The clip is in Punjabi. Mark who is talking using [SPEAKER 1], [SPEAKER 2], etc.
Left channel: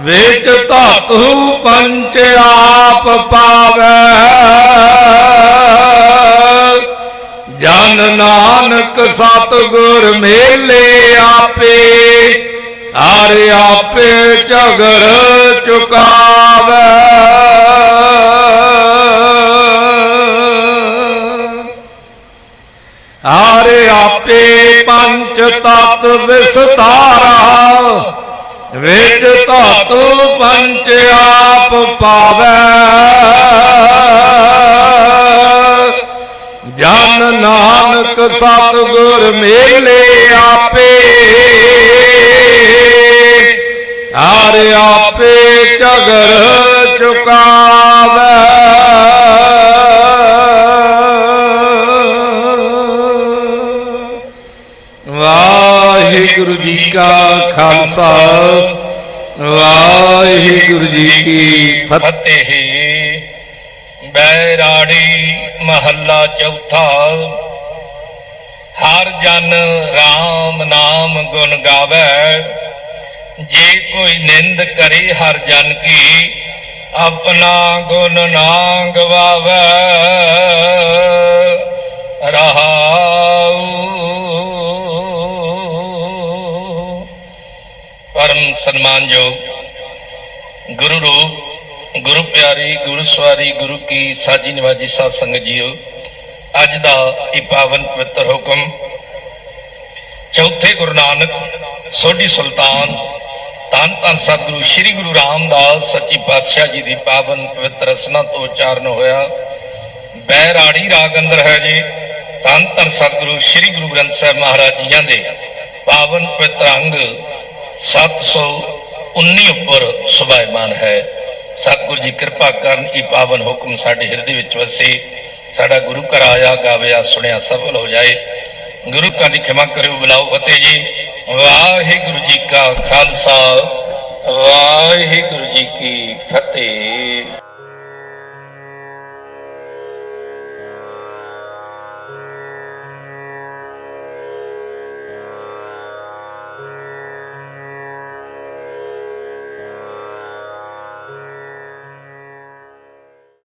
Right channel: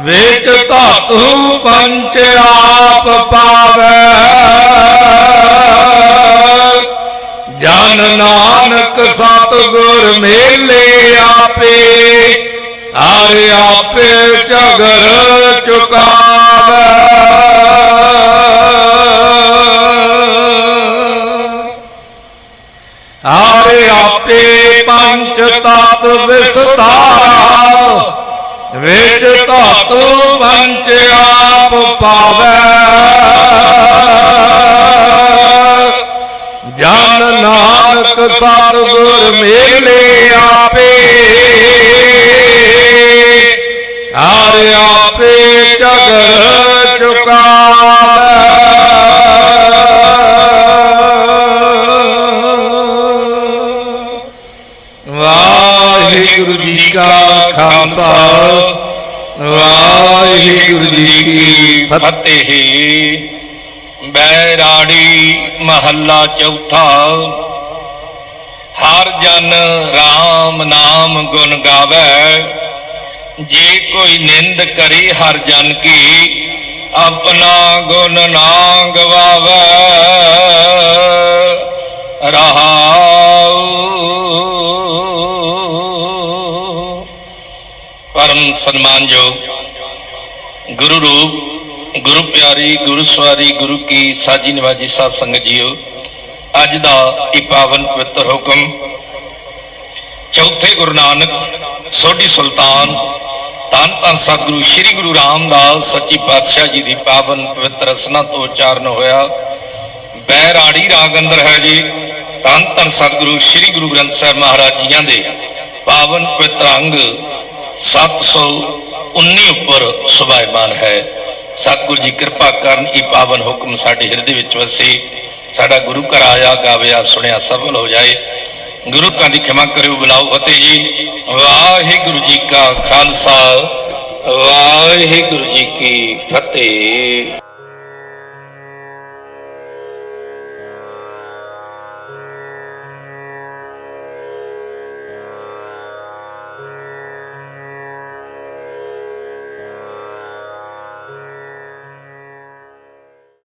[SPEAKER 1] ਵਿੱਚ ਧਾਤੂ ਪੰਚ ਆਪ ਪਾਵੇ। ਜਨ ਨਾਨਕ ਸਤਿਗੁਰ ਮੇਲੇ ਆਪੇ, ਹਰ ਆਪੇ ਝਗਰ ਚੁਕਾਵੇ। ਹਰ ਆਪੇ ਪੰਚ ਤਤ ਵਿਸਤਾਰਾ ਵਿੱਚ ਧਾਤੂ ਪੰਚ ਆਪ ਪਾਵੇ। ਜਨ ਨਾਨਕ ਸਤਿਗੁਰ ਮੇਲੇ ਆਪੇ। ਹਰ ਆਪੇ ਚਗਰ ਚੁਕਾਵੇ। ਖਾਲਸਾ। ਵਾਹਿਗੁਰੂ ਜੀ ਕੀ ਫਤਿਹ। ਬੈਰਾੜੀ ਮਹੱਲਾ ਚੌਥਾ। ਹਰ ਜਨ RAM ਨਾਮ ਗੁਣ ਗਾਵੇ। ਜੇ ਕੋਈ ਨਿੰਦ ਕਰੇ ਹਰ ਜਨ ਕੀ ਆਪਣਾ ਗੁਣ ਨਾ ਗਵਾਵੇ ਰਹਾਉ ਪਰਮ ਸਨਮਾਨਯੋਗ ਗੁਰੂ ਰੂਪ, ਗੁਰੂ ਪਿਆਰੀ, ਗੁਰੂ ਸਵਾਰੀ, ਗੁਰੂ ਕੀ ਸਾਜੀ ਨਿਵਾਜੀ ਸਾਧ ਸੰਗਤ ਜੀਓ, ਅੱਜ ਦਾ ਇਹ ਪਾਵਨ ਪਵਿੱਤਰ ਹੁਕਮ ਚੌਥੇ ਗੁਰੂ ਨਾਨਕ ਸੋਢੀ ਸੁਲਤਾਨ ਧੰਨ ਧੰਨ ਸਤਿਗੁਰੂ ਸ੍ਰੀ ਗੁਰੂ ਰਾਮਦਾਸ ਸੱਚੀ ਪਾਤਸ਼ਾਹ ਜੀ ਦੀ ਪਾਵਨ ਪਵਿੱਤਰ ਰਸਨਾ ਤੋਂ ਉਚਾਰਨ ਹੋਇਆ। ਬੈਰਾੜੀ ਰਾਗ ਅੰਦਰ ਹੈ ਜੀ, ਧੰਨ ਧੰਨ ਸਤਿਗੁਰੂ ਸ੍ਰੀ ਗੁਰੂ ਗ੍ਰੰਥ ਸਾਹਿਬ ਮਹਾਰਾਜ ਜੀਆਂ ਦੇ ਪਾਵਨ ਪਵਿੱਤਰ ਅੰਗ 719 ਉੱਪਰ ਸੁਭਾਇਮਾਨ ਹੈ। ਸਤਿਗੁਰੂ ਜੀ ਕਿਰਪਾ ਕਰਨ ਇਹ ਪਾਵਨ ਹੁਕਮ ਸਾਡੇ ਹਿਰਦੇ ਵਿੱਚ ਵਸੇ। ਸਾਡਾ ਗੁਰੂ ਘਰ ਆਇਆ ਗਾਵਿਆ ਸੁਣਿਆ ਸਫਲ ਹੋ ਜਾਏ। ਗੁਰੂ ਕਾ ਦੀ ਖਿਮਾ ਕਰਿਓ, ਬੁਲਾਓ ਫਤਿਹ ਜੀ। ਵਾਹਿਗੁਰੂ ਜੀ ਕਾ ਖਾਲਸਾ, ਵਾਹਿਗੁਰੂ ਜੀ ਕੀ ਫਤਿਹ।